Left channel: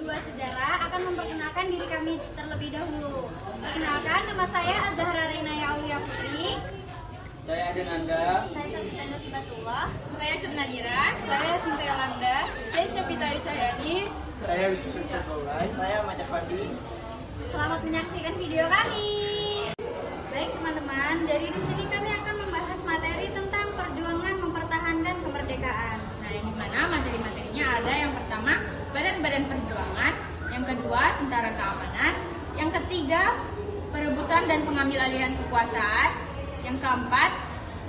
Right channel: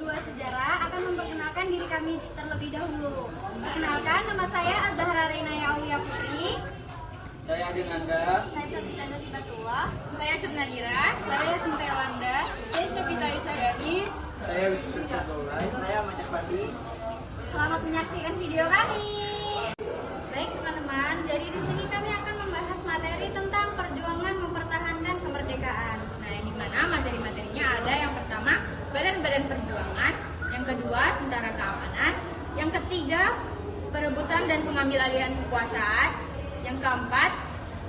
2 Sejarah akan memperkenalkan diri kami terlebih dahulu. Perkenalkan, nama saya Azahra Reina Aulia Putri. Saya Adenanda. Saya Sabita Nur Hibatullah. Saya Cernadira. Saya Sinta Yolanda. Saya Syafita Yusayani. Saya Wisnu Satullah. Saya Maja Pandi. Selamat menyaksikan video kami. Baik teman-teman, jadi di sini kami akan membahas materi tentang perjuangan mempertahankan kemerdekaan. Nah, yang dimana materi-materinya ada yang pertama badan-badan perjuangan, yang kedua tentara keamanan, yang ketiga perebutan dan pengambil alihan kekuasaan, yang keempat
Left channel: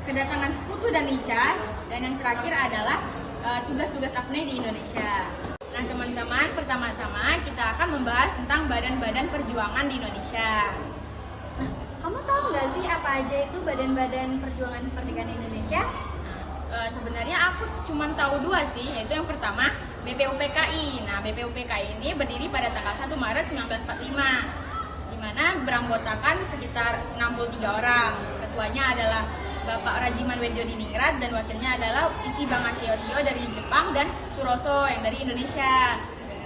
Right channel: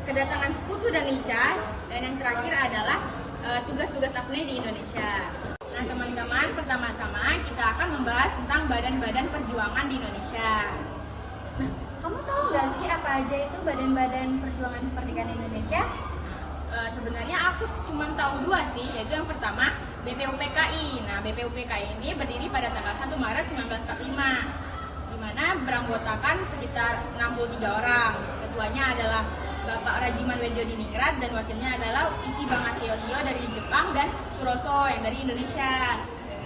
kedatangan sekutu dan lica, dan yang terakhir adalah tugas-tugas AFNE di Indonesia. Nah teman-teman, pertama-tama kita akan membahas tentang badan-badan perjuangan di Indonesia. Kamu tahu nggak sih apa aja itu badan-badan perjuangan kemerdekaan Indonesia? Sebenarnya aku cuma tahu dua sih, yaitu yang pertama BPUPKI. Nah, BPUPKI ini berdiri pada tanggal 1 Maret 1945, di mana beranggotakan sekitar 63 orang. Ketuanya adalah Bapak Rajiman Wedjodiningrat dan wakilnya adalah Ichiban Aseosio dari Jepang dan Suroso yang dari Indonesia.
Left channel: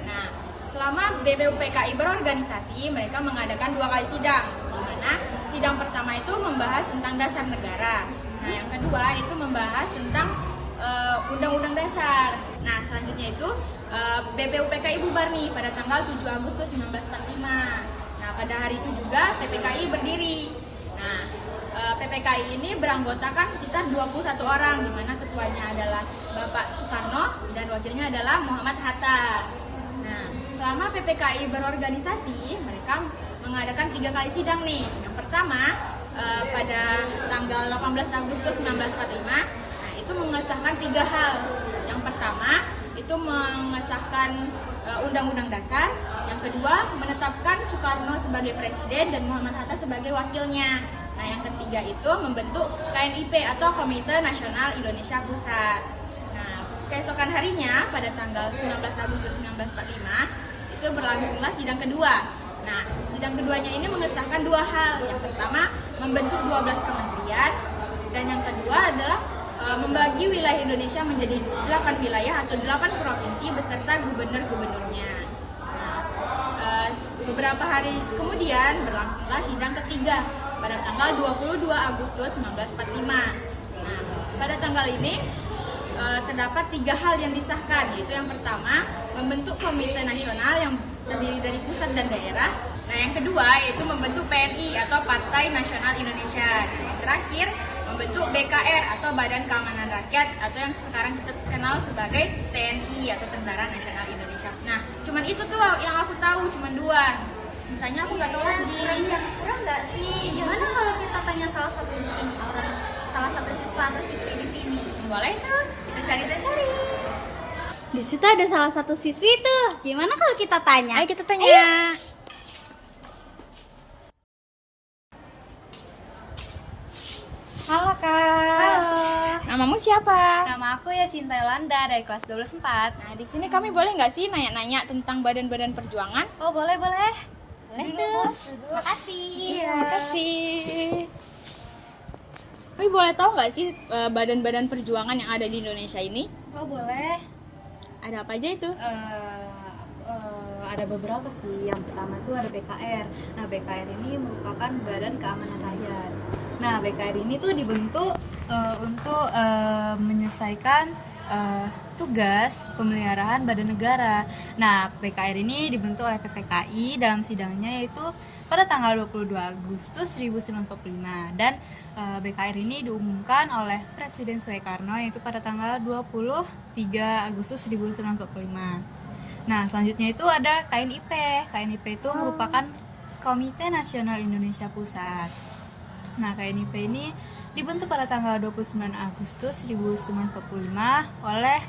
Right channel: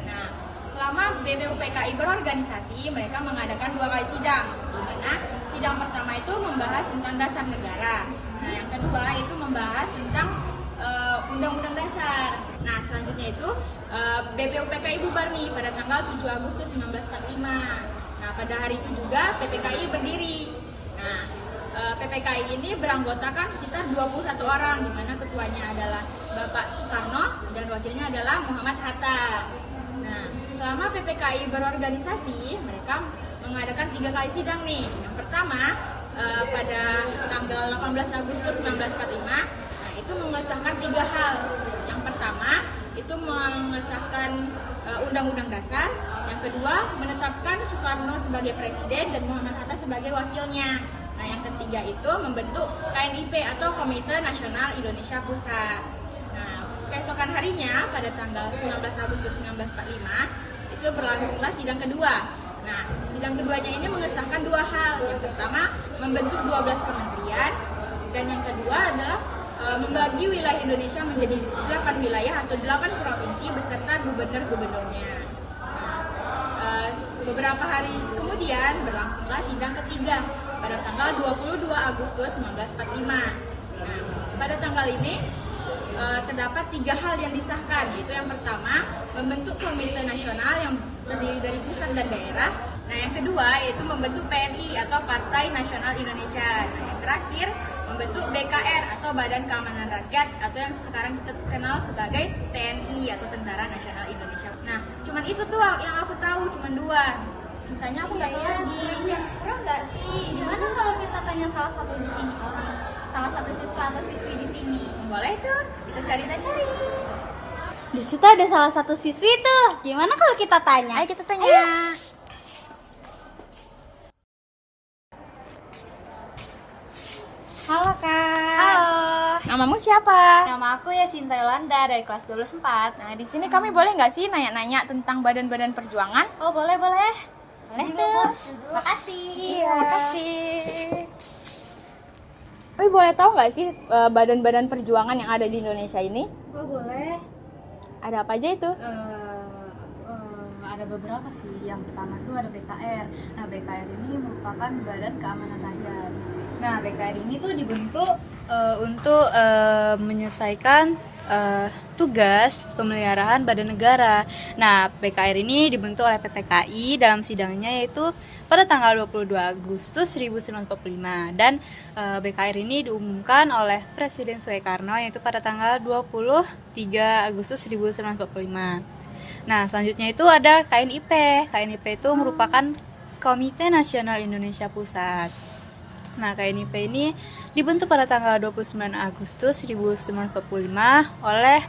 Nah, selama BPUPKI berorganisasi, mereka mengadakan 2 kali sidang, di mana sidang pertama itu membahas tentang dasar negara. Nah, yang kedua itu membahas tentang Undang-Undang Dasar. Nah, selanjutnya itu BPUPKI bubar nih pada tanggal 7 Agustus 1945. Nah, pada hari itu juga PPKI berdiri. Nah, PPKI ini beranggotakan sekitar 21 orang, di mana ketuanya adalah Bapak Soekarno dan wakilnya adalah Muhammad Hatta. Nah, selama PPKI berorganisasi, mereka mengadakan 3 kali sidang nih. Yang pertama pada tanggal 18 Agustus 1945, nah itu mengesahkan 3 hal. Yang pertama itu mengesahkan Undang-Undang Dasar. Yang kedua menetapkan Soekarno sebagai presiden dan Muhammad Hatta sebagai wakilnya. Nah, yang ketiga itu membentuk KNIP atau Komite Nasional Indonesia Pusat. Nah, keesokan harinya pada tanggal 19 Agustus 1945 itu berlangsunglah sidang kedua. Nah, sidang keduanya ini mengesahkan 2 hal. Yang pertama membentuk 12 kementerian dan yang kedua adalah membagi wilayah Indonesia menjadi 8 wilayah atau 8 provinsi beserta gubernur-gubernurnya. Nah, beberapa hari kemudian berlangsunglah sidang ketiga pada tanggal 22 Agustus 1945. Nah, pada tanggal ini terdapat 3 hal yang disahkan, yaitu yang pertama membentuk komite nasional yang terdiri dari pusat dan daerah. Nah, yang kedua yaitu membentuk PNI atau Partai Nasional Indonesia. Nah, yang terakhir membentuk BKR atau Badan Keamanan Rakyat atau yang sekarang kita kenal sebagai TNI atau Tentara Nasional Indonesia. Nah, cuman itu tuh yang aku tahu, cuman 2. Sisanya aku nggak tahu lagi. Kurang nggak sih? Gimana kalau kita tanya salah satu di sini orang, salah satu siswa atau siswi di sini? Boleh tuh, kita cari. Di situ ada salah satu siswi tuh. Gimana kalau kita tanya? Ayo kita tanya. Ayo. Halo Kak. Halo. Namamu siapa? Nama aku ya Sinta Yolanda dari kelas 12 4. Nah, di sini kami boleh nggak sih nanya-nanya tentang badan-badan perjuangan? Oh, boleh. Boleh tuh. Makasih. Iya, makasih. Tapi boleh tahu nggak sih badan-badan perjuangan yang ada di Indonesia ini? Oh, boleh. Ada apa aja itu? Ada beberapa sih. Yang pertama tuh ada BKR. Nah, BKR ini merupakan Badan Keamanan Rakyat. Nah, BKR ini tuh dibentuk untuk menyelesaikan tugas pemeliharaan badan negara. Nah, BKR ini dibentuk oleh PPKI dalam sidangnya yaitu pada tanggal 22 Agustus 1945 dan BKR ini diumumkan oleh Presiden Soekarno yaitu pada tanggal 23 Agustus 1945. Nah, selanjutnya itu ada KNIP. KNIP itu merupakan Komite Nasional Indonesia Pusat. Nah, KNIP ini dibentuk pada tanggal 29 Agustus 1945 oleh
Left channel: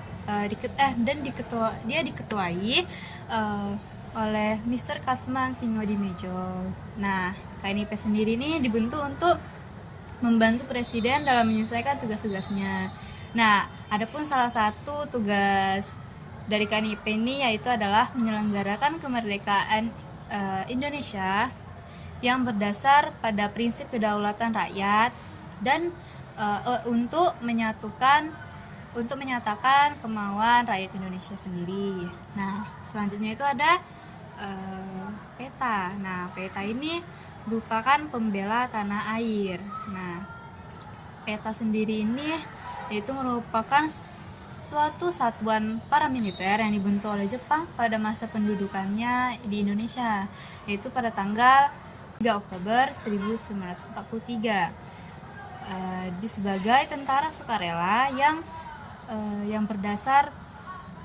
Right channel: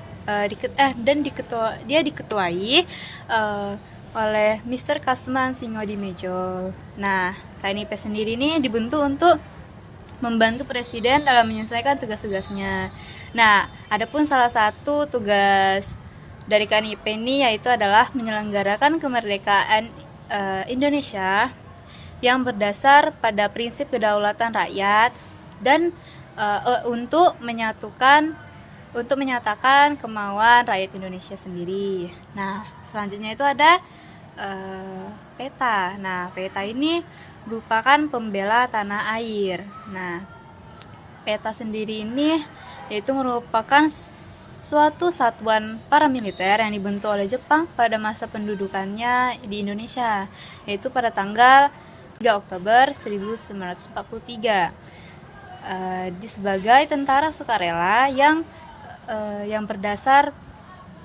dia diketuai oleh Mr. Kasman Singodimedjo. Nah, KNIP sendiri ini dibentuk untuk membantu presiden dalam menyelesaikan tugas-tugasnya. Nah, adapun salah satu tugas dari KNIP ini yaitu adalah menyelenggarakan kemerdekaan Indonesia yang berdasar pada prinsip kedaulatan rakyat dan untuk menyatukan untuk menyatakan kemauan rakyat Indonesia sendiri. Nah, selanjutnya itu ada PETA. Nah, PETA ini merupakan pembela tanah air. Nah, PETA sendiri ini yaitu merupakan suatu satuan paramiliter yang dibentuk oleh Jepang pada masa pendudukannya di Indonesia, yaitu pada tanggal 3 Oktober 1943. Sebagai tentara sukarela yang berdasar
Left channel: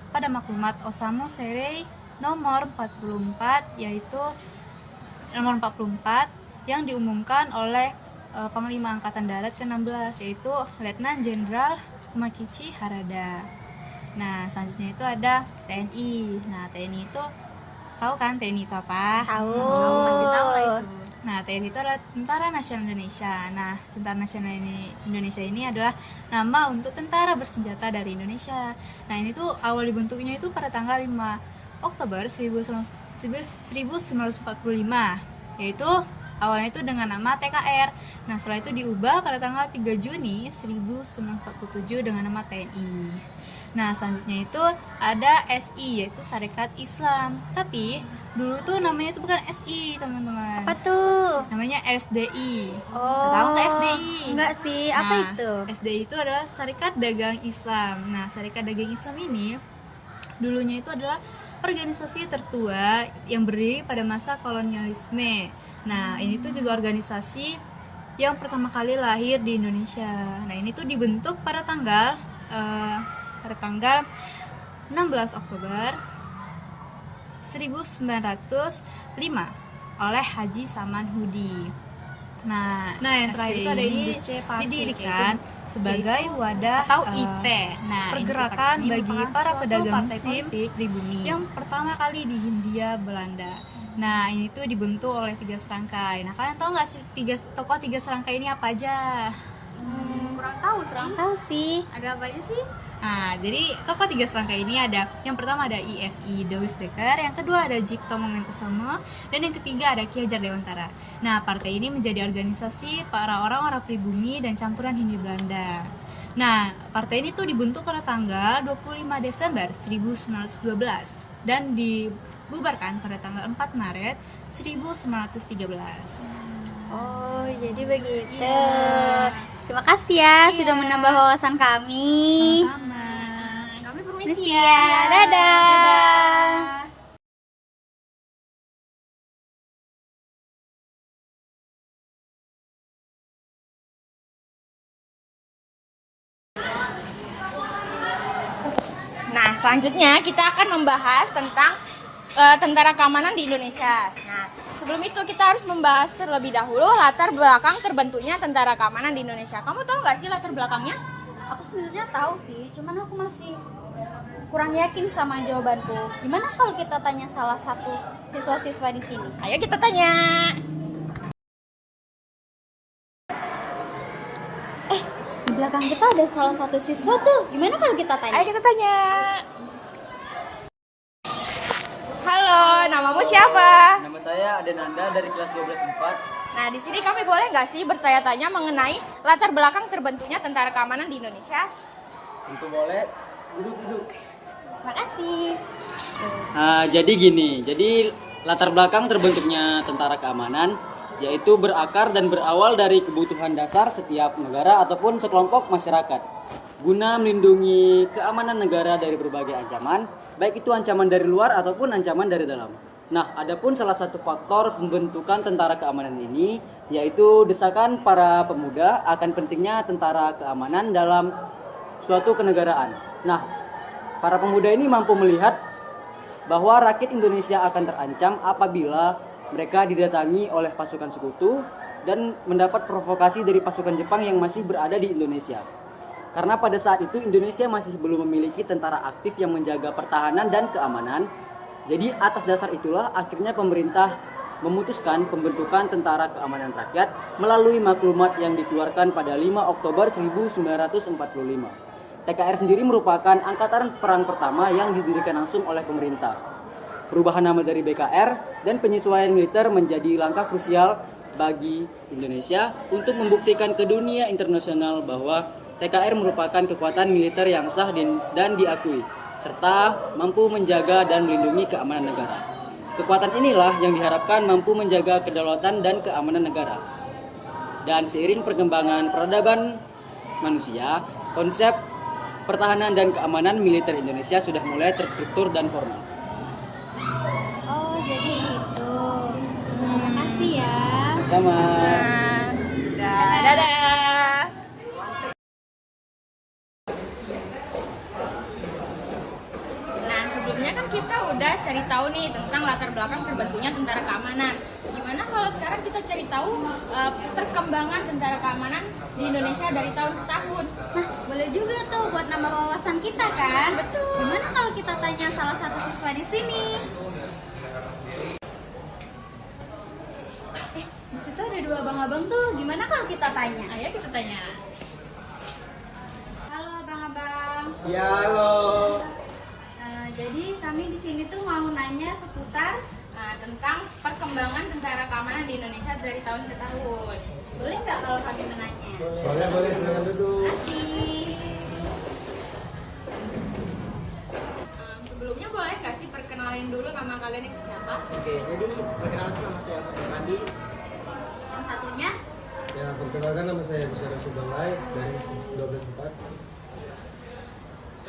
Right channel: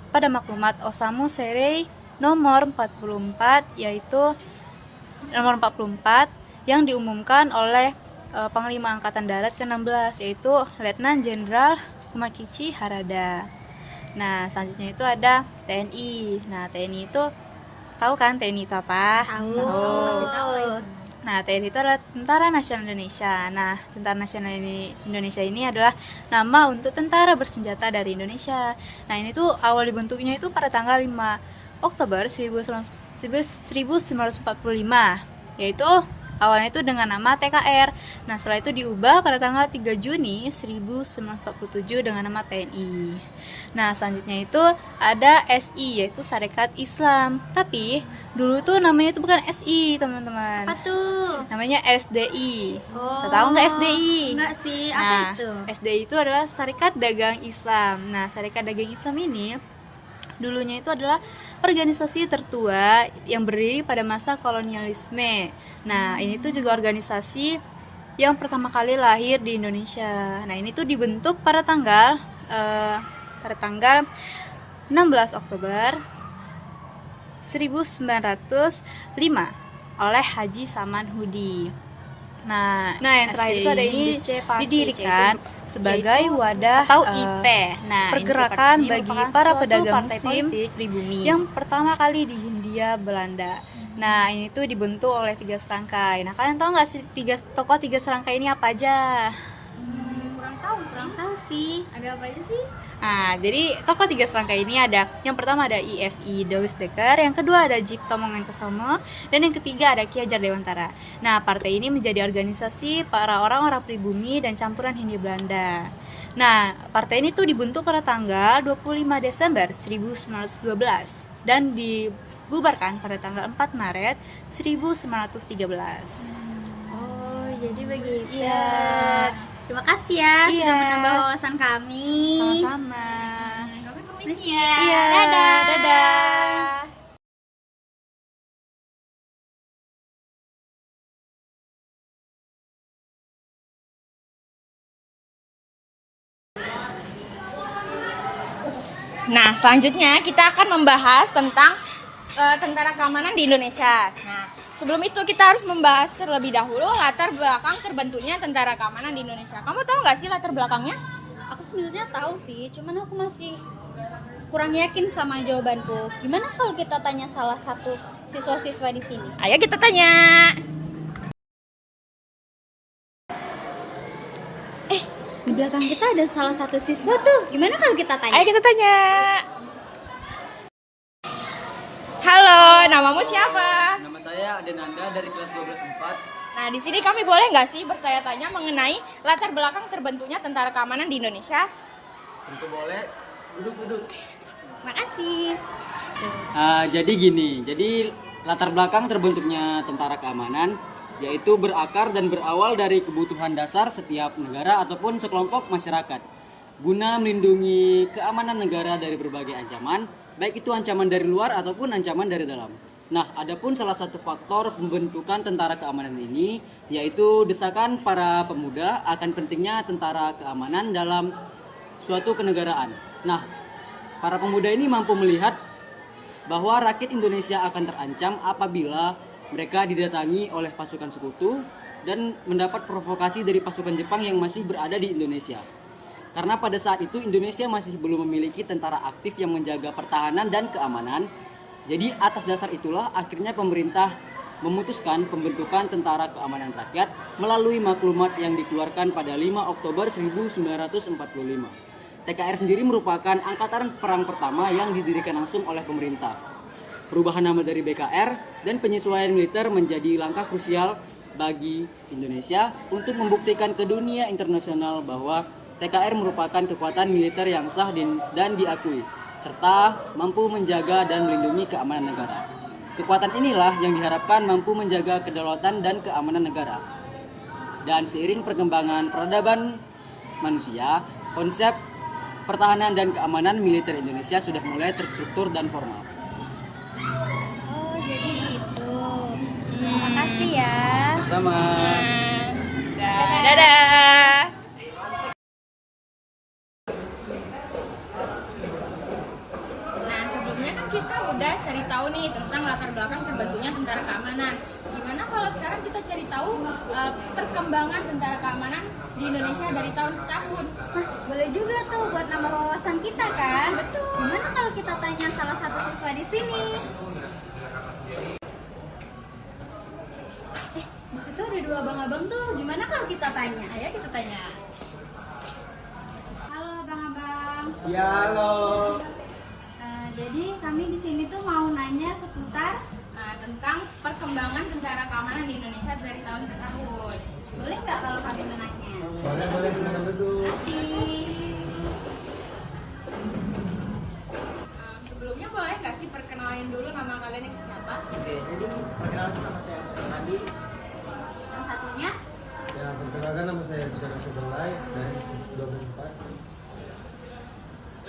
pada maklumat Osamu Serei nomor 44, yaitu nomor 44 yang diumumkan oleh Panglima Angkatan Darat ke-16, yaitu Letnan Jenderal Makichi Harada. Nah, selanjutnya itu ada TNI. Nah, TNI itu tahu kan TNI itu apa? Tahu. Pasti tahu lah itu. Nah, TNI itu adalah Tentara Nasional Indonesia. Nah, Tentara Nasional Indonesia ini adalah nama untuk tentara bersenjata dari Indonesia. Nah, ini tuh awal dibentuknya itu pada tanggal 5 Oktober 1945, yaitu awalnya itu dengan nama TKR. Nah, setelah itu diubah pada tanggal 3 Juni 1947 dengan nama TNI. Nah, selanjutnya itu ada SI, yaitu Sarekat Islam. Tapi dulu itu namanya itu bukan SI, teman-teman. Apa tuh? Namanya SDI. Oh. Tahu nggak SDI? Enggak sih, apa Nah, itu? SDI itu adalah Sarekat Dagang Islam. Nah, Sarekat Dagang Islam ini dulunya itu adalah organisasi tertua yang berdiri pada masa kolonialisme. Nah, ini tuh juga organisasi yang pertama kali lahir di Indonesia. Nah, ini tuh dibentuk pada tanggal 16 Oktober 1905 oleh Haji Saman Hudi. Nah, yang terakhir itu ada ini didirikan sebagai wadah atau IP. Nah, pergerakan bagi para pedagang muslim pribumi yang pertama kali di Hindia Belanda. Nah, ini tuh dibentuk oleh 3 serangkai. Nah, kalian tahu nggak sih tokoh 3 serangkai ini apa aja? Kurang tahu sih. Kurang tahu sih. Ada apa aja sih? Nah, jadi tokoh 3 serangkai ini ada, yang pertama ada IFI Dawes Dekker, yang kedua ada Cipto Mangunkusumo, dan yang ketiga ada Ki Hajar Dewantara. Nah, partai ini menjadi organisasi para orang-orang pribumi dan campuran Hindia Belanda. Nah, partai ini tuh dibentuk pada tanggal 25 Desember 1912 dan dibubarkan pada tanggal 4 Maret 1913. Oh, jadi begitu. Iya. Terima kasih ya sudah Iya. menambah wawasan kami. Sama-sama. Kami Permisi permisi ya. Iya, Dadah. dadah. Nah, selanjutnya kita akan membahas tentang tentara keamanan di Indonesia. Nah, sebelum itu kita harus membahas terlebih dahulu latar belakang terbentuknya tentara keamanan di Indonesia. Kamu tahu nggak sih latar belakangnya? Aku sebenarnya tahu sih, cuman aku masih kurang yakin sama jawabanku. Gimana kalau kita tanya salah satu siswa-siswa di sini? Ayo kita tanya. Di belakang kita ada salah satu siswa tuh. Gimana kalau kita tanya? Ayo kita tanya. Halo, namamu siapa? Nama saya Adenanda dari kelas 12/4. Nah, di sini kami boleh nggak sih bertanya-tanya mengenai latar belakang terbentuknya tentara keamanan di Indonesia? Tentu boleh. Duduk. Makasih. Jadi gini, latar belakang terbentuknya tentara keamanan yaitu berakar dan berawal dari kebutuhan dasar setiap negara ataupun sekelompok masyarakat guna melindungi keamanan negara dari berbagai ancaman, baik itu ancaman dari luar ataupun ancaman dari dalam. Nah, adapun salah satu faktor pembentukan tentara keamanan ini yaitu desakan para pemuda akan pentingnya tentara keamanan dalam suatu kenegaraan. Nah, para pemuda ini mampu melihat bahwa rakyat Indonesia akan terancam apabila mereka didatangi oleh pasukan sekutu dan mendapat provokasi dari pasukan Jepang yang masih berada di Indonesia. Karena pada saat itu Indonesia masih belum memiliki tentara aktif yang menjaga pertahanan dan keamanan. Jadi atas dasar itulah akhirnya pemerintah memutuskan pembentukan Tentara Keamanan Rakyat melalui maklumat yang dikeluarkan pada 5 Oktober 1945. TKR sendiri merupakan angkatan perang pertama yang didirikan langsung oleh pemerintah. Perubahan nama dari BKR dan penyesuaian militer menjadi langkah krusial bagi Indonesia untuk membuktikan ke dunia internasional bahwa TKR merupakan kekuatan militer yang sah dan diakui, serta mampu menjaga dan melindungi keamanan negara. Kekuatan inilah yang diharapkan mampu menjaga kedaulatan dan keamanan negara. Dan seiring perkembangan peradaban manusia, konsep pertahanan dan keamanan militer Indonesia sudah mulai terstruktur dan formal. Oh, jadi gitu. Makasih ya. Sama. Dadah. Nah, sebelumnya kan kita udah cari tahu nih tentang latar belakang terbentuknya tentara keamanan. Gimana kalau sekarang kita cari tahu perkembangan tentara keamanan di Indonesia dari tahun ke tahun? Nah, boleh juga tuh buat nambah wawasan kita kan? Betul. Gimana kalau kita tanya salah satu siswa di sini? Di situ ada dua abang-abang tuh. Gimana kalau kita tanya? Ayo kita tanya. Halo abang-abang. Ya, halo. Jadi kami di sini tuh mau nanya seputar, Tentang perkembangan tentara keamanan di Indonesia dari tahun ke tahun. boleh nggak kalau kami menanya? Boleh, silakan duduk. Sebelumnya boleh nggak sih perkenalin dulu nama kalian itu siapa? Oke, jadi perkenalkan nama saya Andi. Yang satunya? Ya, perkenalkan nama saya Bisyara Subelai dari 12/4.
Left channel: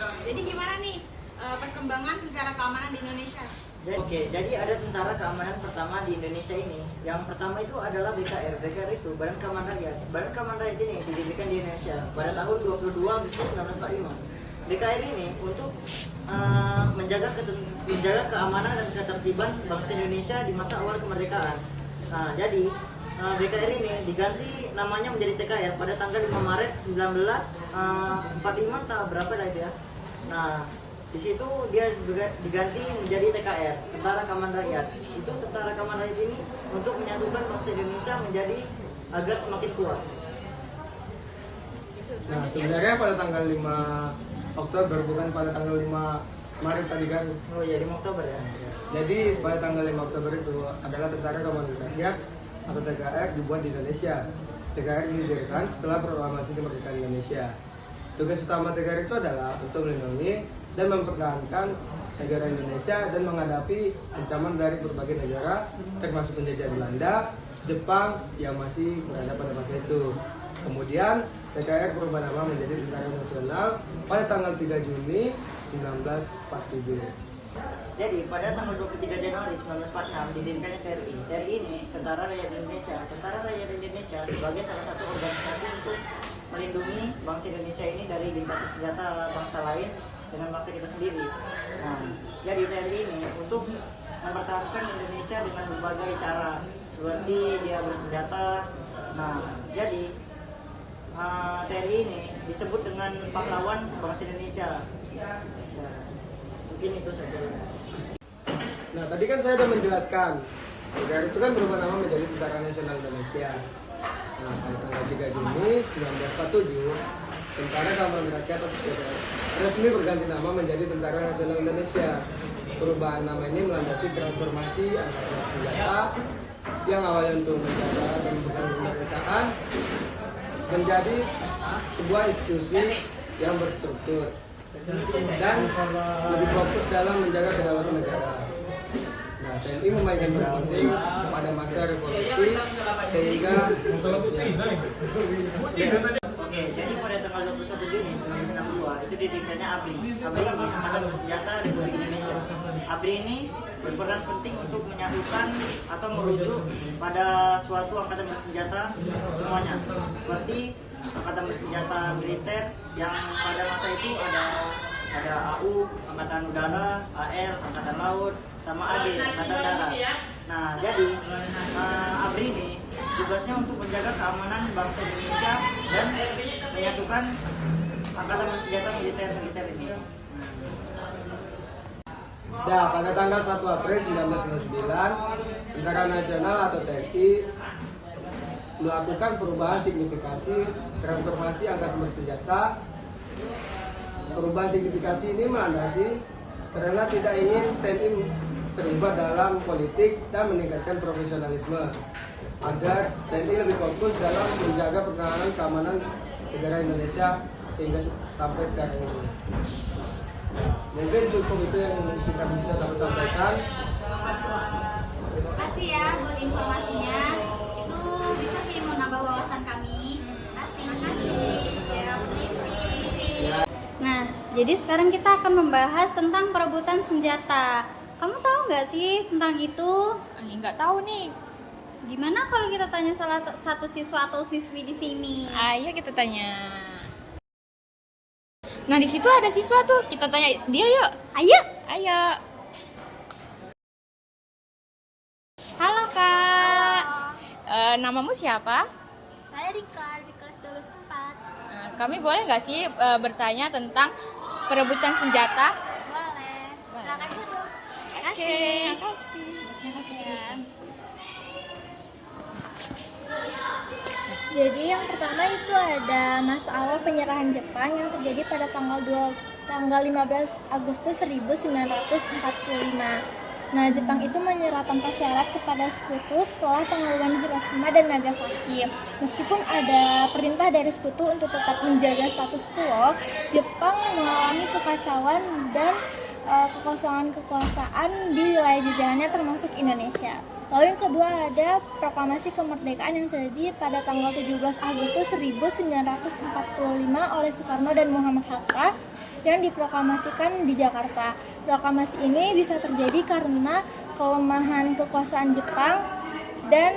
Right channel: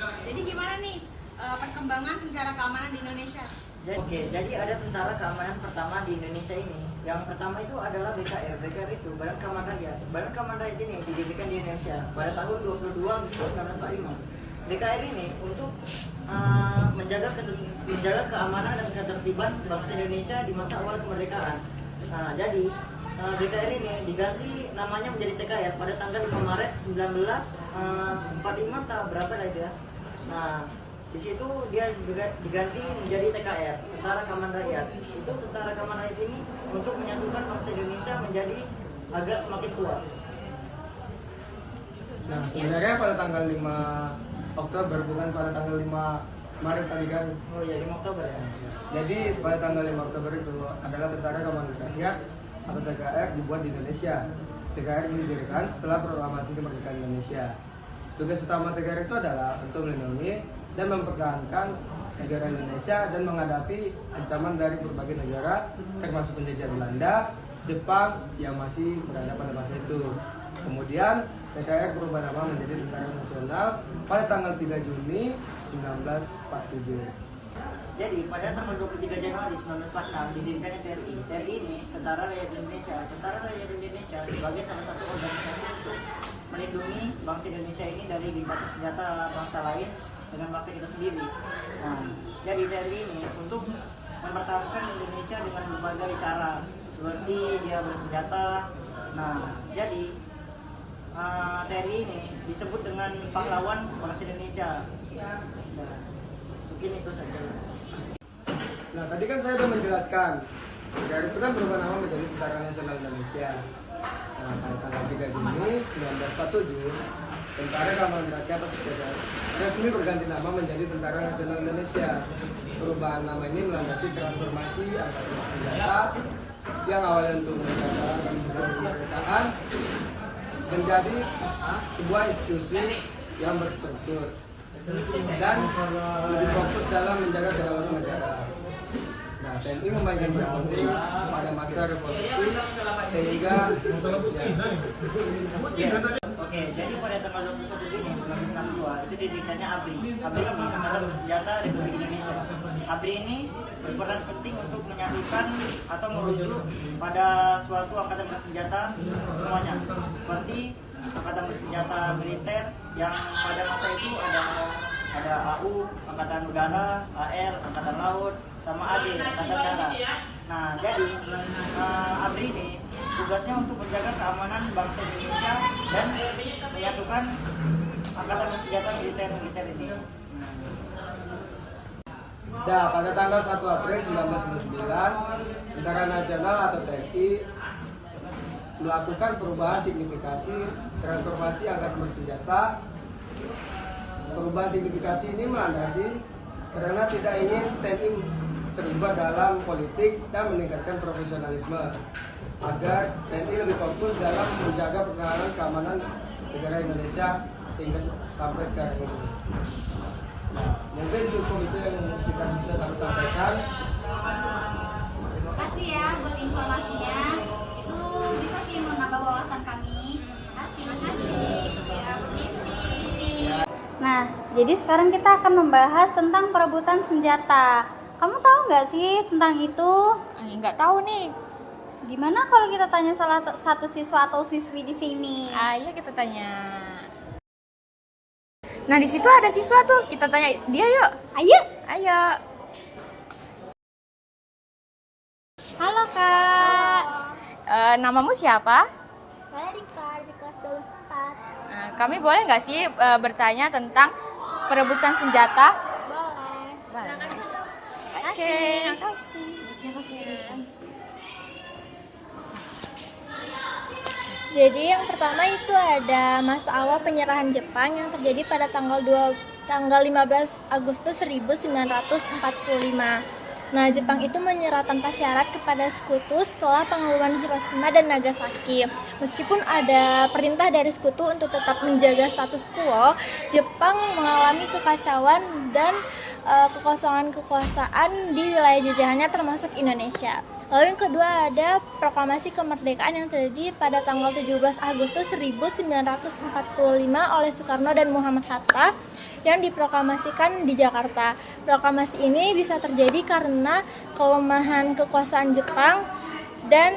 Jadi gimana nih perkembangan tentara keamanan di Indonesia? Oke, jadi ada tentara keamanan pertama di Indonesia ini. Yang pertama itu adalah BKR. BKR itu Badan Keamanan Rakyat. Badan Keamanan Rakyat ini didirikan di Indonesia pada tahun 22 Agustus 1945. BKR ini untuk menjaga keamanan dan ketertiban bangsa Indonesia di masa awal kemerdekaan. Nah, jadi BKR ini diganti namanya menjadi TKR pada tanggal 5 Maret 1945 atau berapa lah itu ya. Nah, di situ dia juga diganti menjadi TKR, Tentara Keamanan Rakyat. Itu Tentara Keamanan Rakyat ini untuk menyatukan bangsa Indonesia menjadi agar semakin kuat. Nah, sebenarnya pada tanggal 5 Oktober, bukan pada tanggal 5 Maret tadi kan. Oh iya, 5 Oktober ya. Jadi pada tanggal 5 Oktober itu adalah Tentara Keamanan Rakyat atau TKR dibuat di Indonesia. TKR didirikan setelah proklamasi kemerdekaan Indonesia. Tugas utama TKR itu adalah untuk melindungi dan mempertahankan negara Indonesia dan menghadapi ancaman dari berbagai negara termasuk penjajahan Belanda, Jepang yang masih berada pada masa itu. Kemudian TKR berubah nama menjadi Tentara Nasional pada tanggal 3 Juni 1947. Jadi pada tanggal 23 Januari 1946 didirikannya TRI. TRI ini Tentara Rakyat Indonesia. Tentara Rakyat Indonesia sebagai salah satu organisasi untuk melindungi bangsa Indonesia ini dari lintasan senjata bangsa lain dengan bangsa kita sendiri. Nah, jadi TRI ini untuk mempertahankan Indonesia dengan berbagai cara, seperti dia bersenjata. Nah, jadi TRI ini disebut dengan pahlawan bangsa Indonesia. Nah, mungkin itu saja. Nah, tadi kan saya sudah menjelaskan TKR itu kan berubah nama menjadi Tentara Nasional Indonesia. Nah, pada tanggal 3 Juni 1947 Tentara Keamanan Rakyat atau TKR resmi berganti nama menjadi Tentara Nasional Indonesia. Perubahan nama ini melandasi transformasi angkatan senjata yang awalnya untuk menjaga dan mempertahankan kemerdekaan menjadi sebuah institusi yang berstruktur dan lebih fokus dalam menjaga kedaulatan negara. Nah, TNI memainkan peran penting pada masa revolusi sehingga Oke, jadi pada tanggal 21 Juni 1962 itu didirikannya ABRI. ABRI ini Angkatan Bersenjata Republik Indonesia. ABRI ini berperan penting untuk menyatukan atau merujuk pada suatu angkatan bersenjata semuanya. Seperti angkatan bersenjata militer yang pada masa itu ada AU, Angkatan Udara, AL, Angkatan Laut, sama AD, Angkatan Darat. Nah, jadi ABRI ini tugasnya untuk menjaga keamanan bangsa Indonesia dan menyatukan angkatan bersenjata militer ini. Nah, pada tanggal 1 April 1999 Tentara Nasional atau TNI melakukan perubahan signifikasi transformasi angkatan bersenjata. Perubahan signifikasi ini melandasi karena tidak ingin TNI terlibat dalam politik dan meningkatkan profesionalisme agar TNI lebih fokus dalam menjaga pertahanan keamanan negara Indonesia sehingga sampai sekarang ini. Nah, mungkin cukup itu yang kita bisa kami sampaikan. Terima kasih ya buat informasinya. Itu bisa sih menambah wawasan kami. Terima kasih. Nah, jadi sekarang kita akan membahas tentang perebutan senjata. Kamu tahu nggak sih tentang itu? Nggak tahu nih. Gimana kalau kita tanya salah satu siswa atau siswi di sini? Ayo kita tanya. Nah, di situ ada siswa tuh. Kita tanya dia yuk. Ayo. Ayo. Halo Kak. Namamu siapa? Saya Rika di kelas 12/4. Nah, kami boleh nggak sih bertanya tentang perebutan senjata? Boleh. Silakan duduk. Oke, makasih. Makasih ya. Jadi yang pertama itu ada masa awal penyerahan Jepang yang terjadi pada tanggal 15 Agustus 1945. Nah, Jepang itu menyerah tanpa syarat kepada sekutu setelah pengumuman Hiroshima dan Nagasaki. Meskipun ada perintah dari sekutu untuk tetap menjaga status quo, Jepang mengalami kekacauan dan kekosongan kekuasaan di wilayah jajahannya termasuk Indonesia. Lalu yang kedua ada proklamasi kemerdekaan yang terjadi pada tanggal 17 Agustus 1945 oleh Soekarno dan Muhammad Hatta yang diproklamasikan di Jakarta. Proklamasi ini bisa terjadi karena kelemahan kekuasaan Jepang dan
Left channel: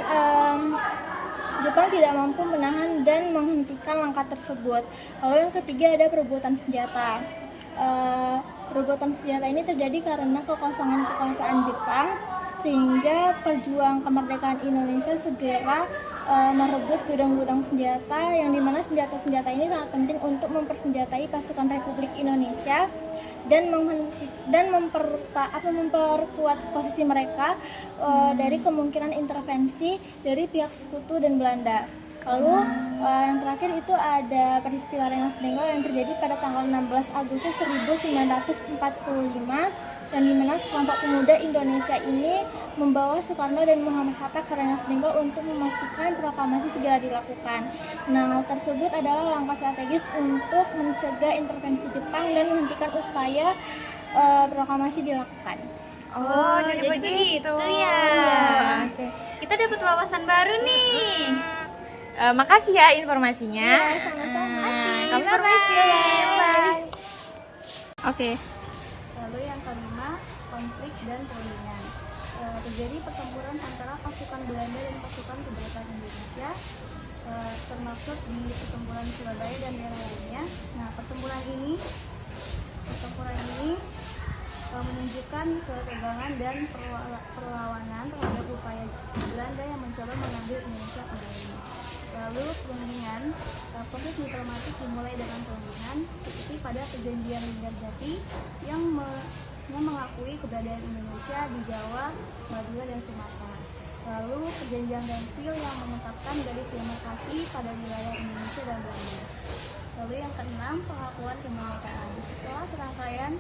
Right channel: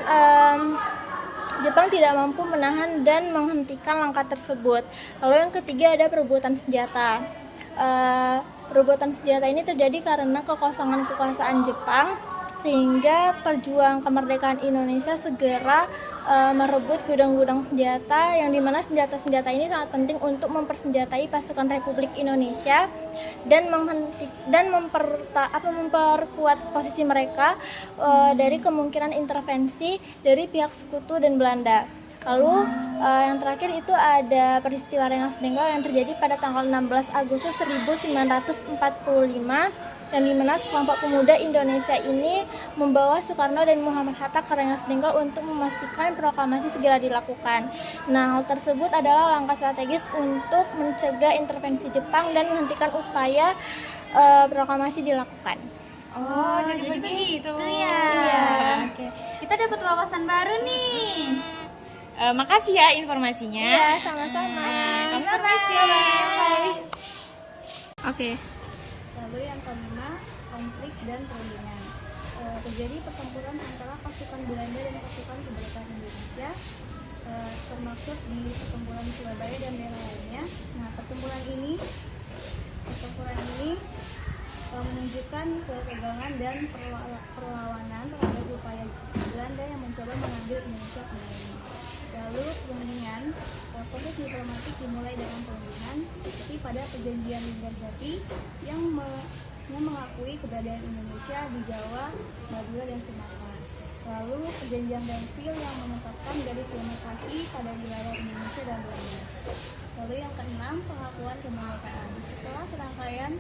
Jepang tidak mampu menahan dan menghentikan langkah tersebut. Lalu yang ketiga ada perebutan senjata. Perebutan senjata ini terjadi karena kekosongan kekuasaan Jepang sehingga perjuang kemerdekaan Indonesia segera merebut gudang-gudang senjata yang dimana senjata-senjata ini sangat penting untuk mempersenjatai pasukan Republik Indonesia dan memperkuat posisi mereka dari kemungkinan intervensi dari pihak sekutu dan Belanda. Lalu yang terakhir itu ada peristiwa Rengas Dengklok yang terjadi pada tanggal 16 Agustus 1945 dan di mana sekelompok pemuda Indonesia ini membawa Soekarno dan Muhammad Hatta ke Rengas Dengklok untuk memastikan proklamasi segera dilakukan. Nah, hal tersebut adalah langkah strategis untuk mencegah intervensi Jepang dan menghentikan upaya proklamasi dilakukan. Oh, jadi begitu. ya. Oke. Kita dapat wawasan baru nih. Makasih ya informasinya. Ya, sama-sama. Kami permisi. Bye. Oke. Lalu yang kelima, konflik dan perundingan. Terjadi pertempuran antara pasukan Belanda dan pasukan kemerdekaan Indonesia, termasuk di pertempuran Surabaya dan daerah lainnya. Nah, pertempuran ini menunjukkan kegagalan dan perlawanan terhadap upaya Belanda yang mencoba mengambil Indonesia kembali. Lalu perundingan, proses diplomatik dimulai dengan perundingan seperti pada perjanjian Linggarjati yang mengakui keberadaan Indonesia di Jawa, Madura, dan Sumatera. Lalu perjanjian Grenville yang menetapkan garis demarkasi pada wilayah Indonesia dan Belanda. Lalu yang keenam, pengakuan kemerdekaan. Setelah serangkaian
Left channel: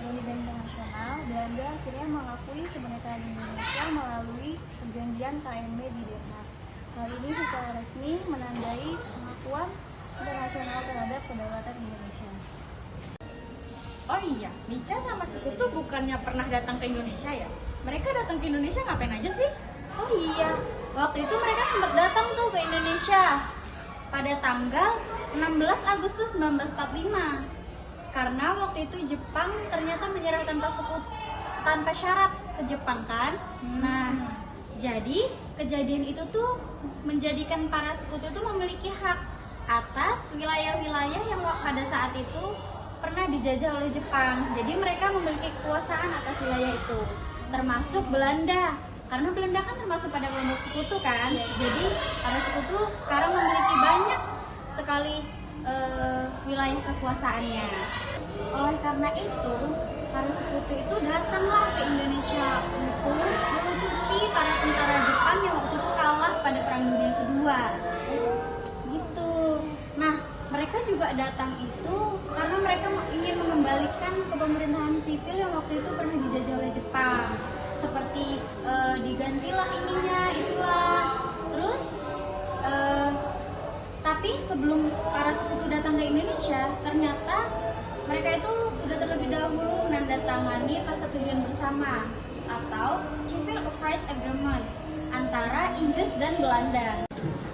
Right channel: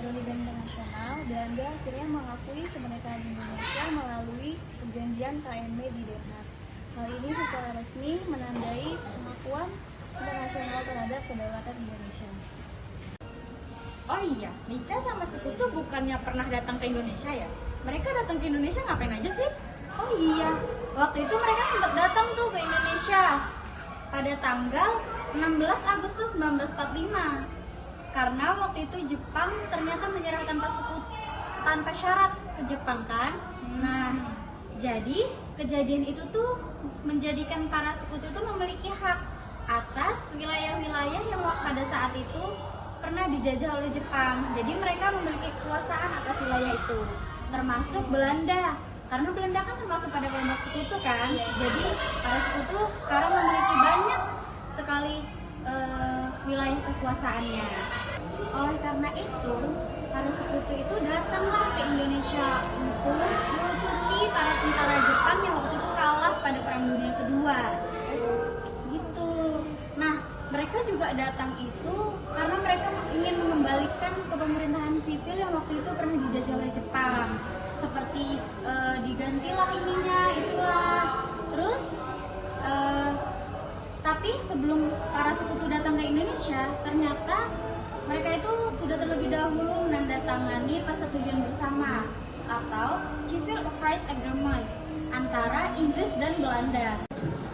perundingan internasional, Belanda akhirnya mengakui kemerdekaan Indonesia melalui perjanjian KMB di Den Haag. Hal ini secara resmi menandai pengakuan internasional terhadap kedaulatan Indonesia. Oh iya, Nica sama sekutu bukannya pernah datang ke Indonesia ya? Mereka datang ke Indonesia ngapain aja sih? Oh iya, waktu itu mereka sempat datang tuh ke Indonesia pada tanggal 16 Agustus 1945. Karena waktu itu Jepang ternyata menyerah tanpa syarat ke Jepang kan. Nah, jadi kejadian itu tuh menjadikan para sekutu itu memiliki hak atas wilayah-wilayah yang pada saat itu pernah dijajah oleh Jepang. Jadi mereka memiliki kekuasaan atas wilayah itu, termasuk Belanda. Karena Belanda kan termasuk pada kelompok sekutu kan. Jadi para sekutu sekarang memiliki banyak sekali wilayah kekuasaannya. Oleh karena itu, para sekutu itu datanglah ke Indonesia untuk melucuti para tentara Jepang yang waktu itu kalah pada Perang Dunia Kedua. Gitu. Nah, mereka juga datang itu karena mereka ingin mengembalikan kepemerintahan sipil yang waktu itu pernah dijajah oleh Jepang. Seperti digantilah ininya, itulah. Terus tapi Tapi sebelum para sekutu datang ke Indonesia, ternyata mereka itu sudah terlebih dahulu menandatangani persetujuan bersama atau Civil Affairs Agreement antara Inggris dan Belanda.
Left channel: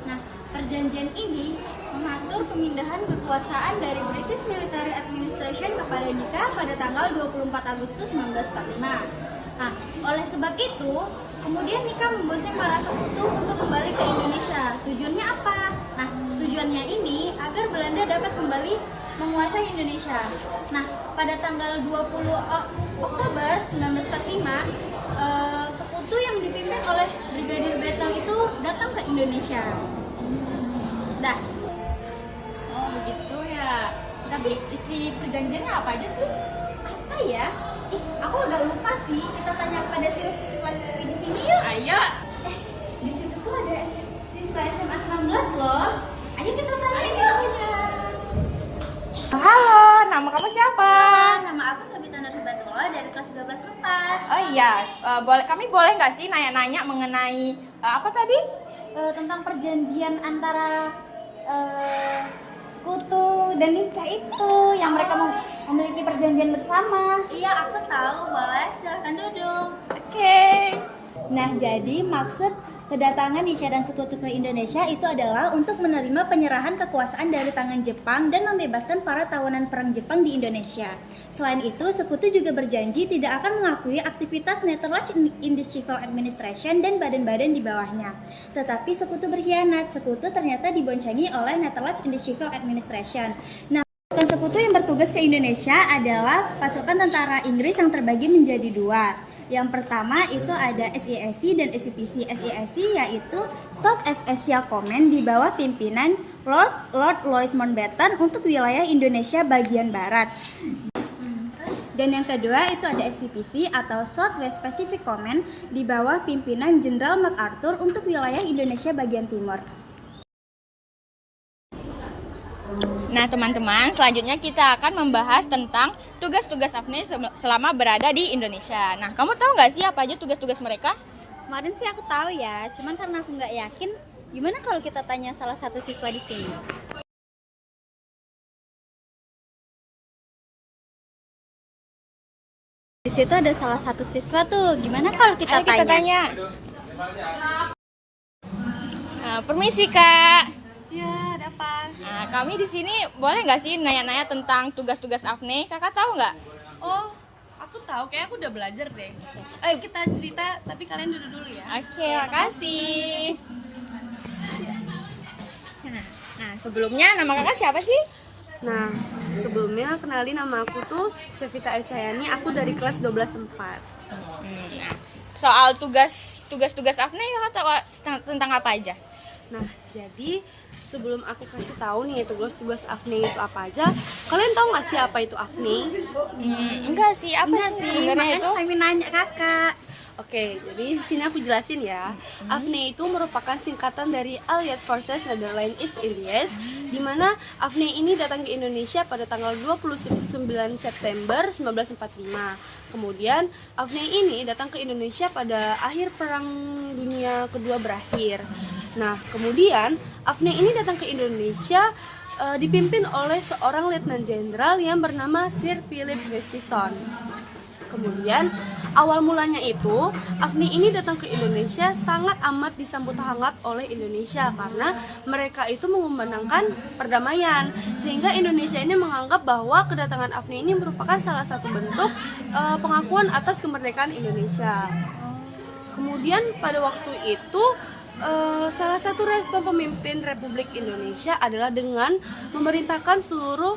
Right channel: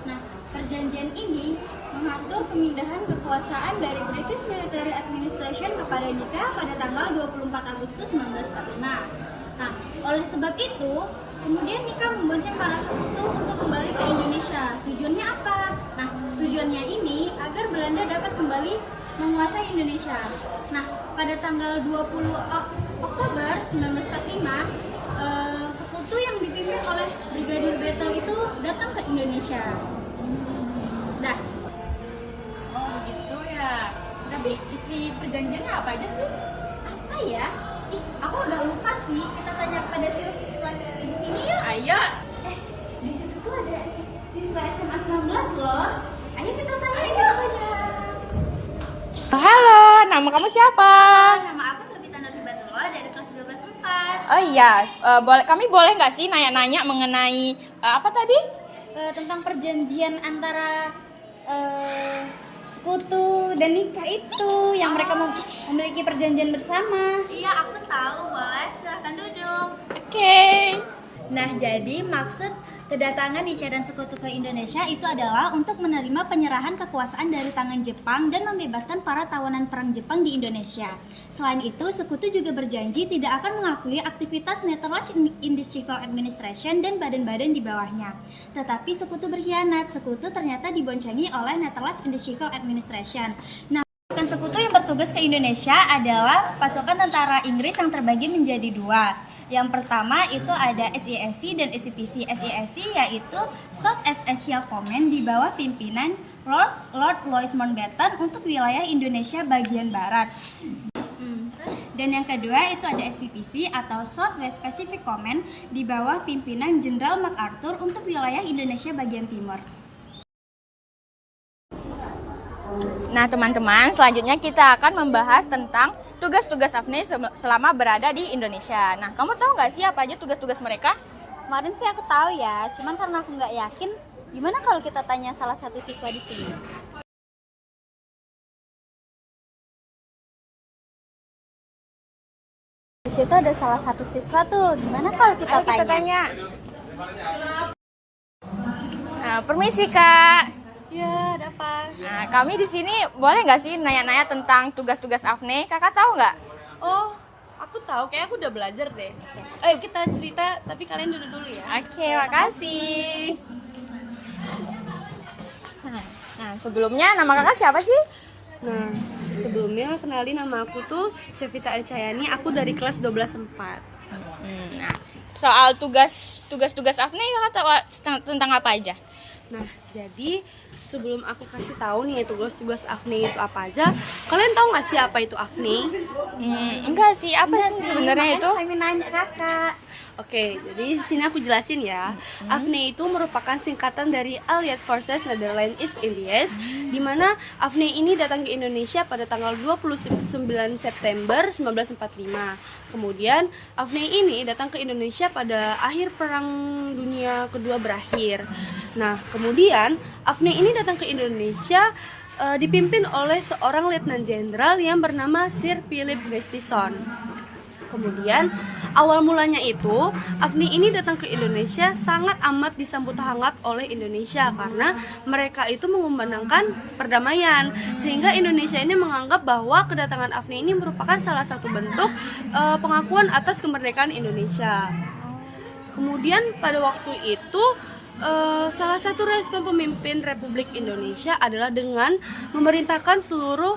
Nah, perjanjian ini mengatur pemindahan kekuasaan dari British Military Administration kepada Nika pada tanggal 24 Agustus 1945. Nah, oleh sebab itu, kemudian Nika membonceng para sekutu untuk kembali ke Indonesia. Tujuannya apa? Nah, tujuannya ini agar Belanda dapat kembali menguasai Indonesia. Nah, pada tanggal 20 Oktober 1945, sekutu yang dipimpin oleh Brigadir Battle itu datang ke Indonesia. Dah. Oh begitu ya. Tapi isi perjanjiannya apa aja sih? Apa ya? Aku agak lupa sih. Kita tanya kepada siswa-siswi di sini yuk. Ayo. Di situ tuh ada siswa SMA 19 loh. Ayo kita tanya yuk. Halo, nama kamu siapa? Nama aku Sabita Nurhibatullah dari kelas 12/4. Oh iya, kami boleh nggak sih nanya-nanya mengenai apa tadi? Tentang perjanjian antara sekutu dan Nika itu yang mereka memiliki perjanjian bersama. Iya, aku tahu, boleh. Silahkan duduk. Oke. Nah, jadi maksud kedatangan Nika dan sekutu ke Indonesia itu adalah untuk menerima penyerahan kekuasaan dari tangan Jepang dan membebaskan para tawanan perang Jepang di Indonesia. Selain itu, sekutu juga berjanji tidak akan mengakui aktivitas Netherlands Indisch Civil Administration dan badan-badan di bawahnya. Tetapi sekutu berkhianat. Sekutu ternyata diboncengi oleh Netherlands Indisch Civil Administration. Nah, pasukan sekutu yang bertugas ke Indonesia adalah pasukan tentara Inggris yang terbagi menjadi dua. Yang pertama itu ada SEAC dan SEPC. SEAC yaitu South East Asia Command di bawah pimpinan Lord Louis Mountbatten untuk wilayah Indonesia bagian barat. Dan yang kedua itu ada SPPC atau South West Pacific Command di bawah pimpinan Jenderal MacArthur untuk wilayah Indonesia bagian timur. Nah teman-teman, selanjutnya kita akan membahas tentang tugas-tugas AFNI selama berada di Indonesia. Nah, kamu tahu nggak sih apa aja tugas-tugas mereka? Kemarin sih aku tahu ya, cuman karena aku nggak yakin, gimana kalau kita tanya salah satu siswa di sini? Di situ ada salah satu siswa tuh, gimana kalau kita Ayo kita tanya. Nah, permisi Kak. Ya, ada apa? Nah, kami di sini boleh nggak sih nanya-nanya tentang tugas-tugas AFNI? Kakak tahu nggak? Oh, aku tahu, kayak aku udah belajar deh. Ayo kita cerita, tapi kalian duduk dulu ya. Oke, makasih. Nah, sebelumnya nama kakak siapa sih? Nah, sebelumnya kenalin nama aku tuh Syafita Elcayani, aku dari kelas 12/4. Nah, soal tugas-tugas AFNI kakak tahu tentang apa aja? Nah, jadi sebelum aku kasih tahu nih tugas-tugas AFNI itu apa aja, kalian tahu nggak sih apa itu AFNI? Enggak sih, apa sih sebenarnya itu? Kami nanya kakak. Oke, jadi sini aku jelasin ya. AFNI itu merupakan singkatan dari Allied Forces Netherlands East Indies, di mana AFNI ini datang ke Indonesia pada tanggal 29 September 1945. Kemudian AFNI ini datang ke Indonesia pada akhir Perang Dunia Kedua berakhir. Nah, kemudian AFNI ini datang ke Indonesia dipimpin oleh seorang Letnan Jenderal yang bernama Sir Philip Gustafson. Kemudian awal mulanya itu AFNI ini datang ke Indonesia sangat amat disambut hangat oleh Indonesia karena mereka itu mengumandangkan perdamaian, sehingga Indonesia ini menganggap bahwa kedatangan AFNI ini merupakan salah satu bentuk pengakuan atas kemerdekaan Indonesia. Kemudian pada waktu itu salah satu respon pemimpin Republik Indonesia adalah dengan memerintahkan seluruh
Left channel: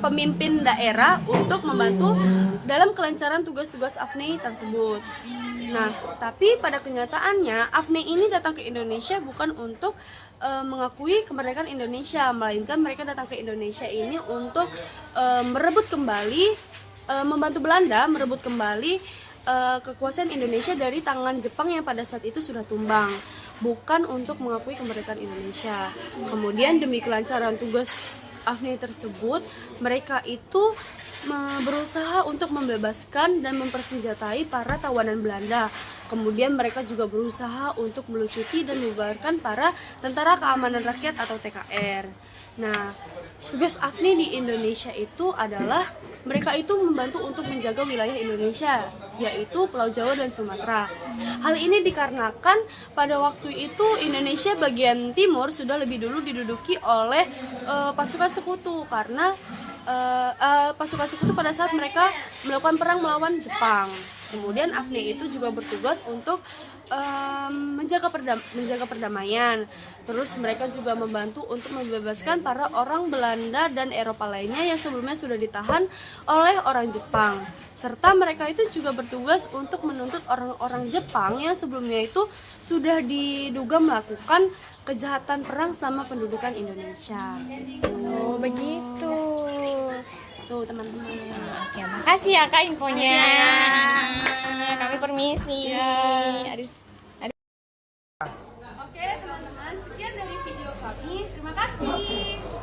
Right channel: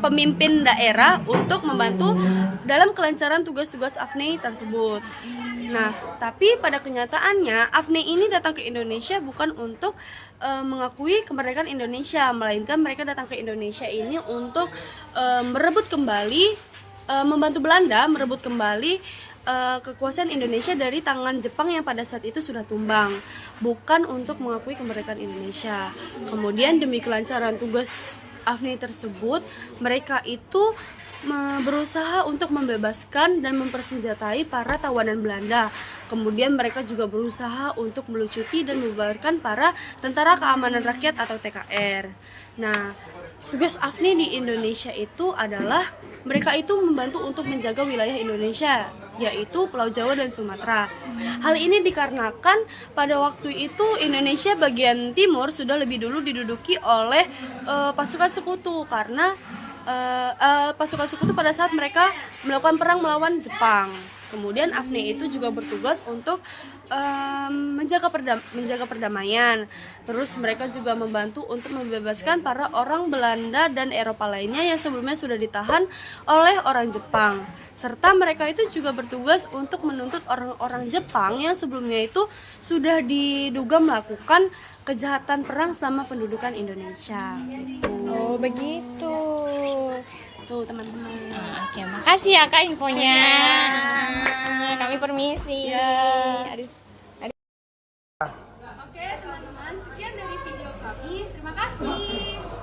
pemimpin daerah untuk membantu dalam kelancaran tugas-tugas AFNI tersebut. Nah, tapi pada kenyataannya AFNI ini datang ke Indonesia bukan untuk mengakui kemerdekaan Indonesia, melainkan mereka datang ke Indonesia ini untuk merebut kembali, membantu Belanda merebut kembali kekuasaan Indonesia dari tangan Jepang yang pada saat itu sudah tumbang, bukan untuk mengakui kemerdekaan Indonesia. Kemudian demi kelancaran tugas AFNI tersebut, mereka itu berusaha untuk membebaskan dan mempersenjatai para tawanan Belanda. Kemudian mereka juga berusaha untuk melucuti dan membubarkan para Tentara Keamanan Rakyat atau TKR. Nah, tugas AFNI di Indonesia itu adalah mereka itu membantu untuk menjaga wilayah Indonesia, yaitu Pulau Jawa dan Sumatera. Hal ini dikarenakan pada waktu itu Indonesia bagian timur sudah lebih dulu diduduki oleh pasukan sekutu karena pasukan sekutu pada saat mereka melakukan perang melawan Jepang. Kemudian AFNI itu juga bertugas untuk menjaga perdamaian. Terus mereka juga membantu untuk membebaskan para orang Belanda dan Eropa lainnya yang sebelumnya sudah ditahan oleh orang Jepang. Serta mereka itu juga bertugas untuk menuntut orang-orang Jepang yang sebelumnya itu sudah diduga melakukan kejahatan perang sama pendudukan Indonesia. Oh, begitu. Tuh teman-teman. Oke, makasih ya Kak infonya. Kami permisi. Aduh. Oke teman-teman, sekian dari video kami. Terima kasih.